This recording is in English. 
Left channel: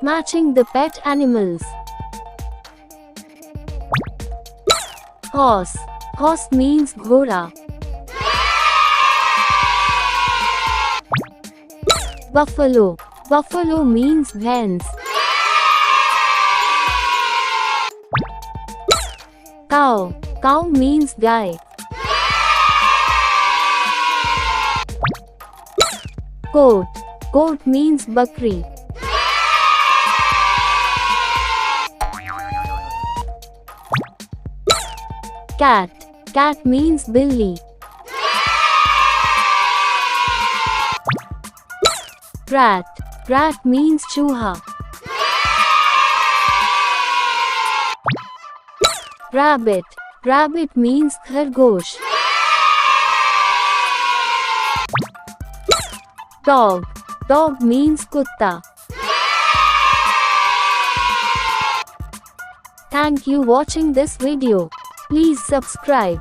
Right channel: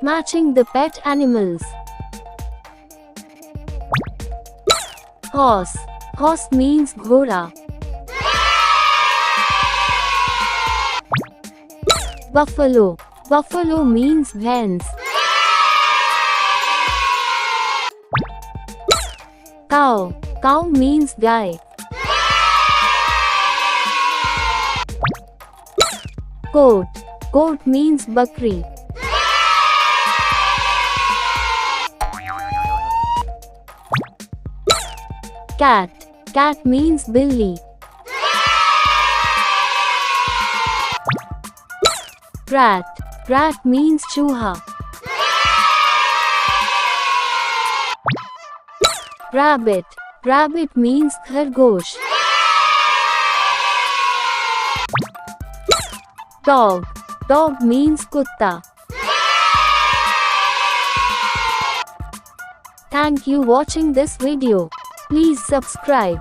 Matching the pet animals. Horse. Horse means ghoda. Buffalo. Buffalo means hens. Cow. Cow means guy. Goat. Goat means bakri. Cat. Cat means billy. Rat. Rat means chooha. Rabbit. Rabbit means khargosh. Dog. Dog means kutta. Thank you watching this video. Please subscribe.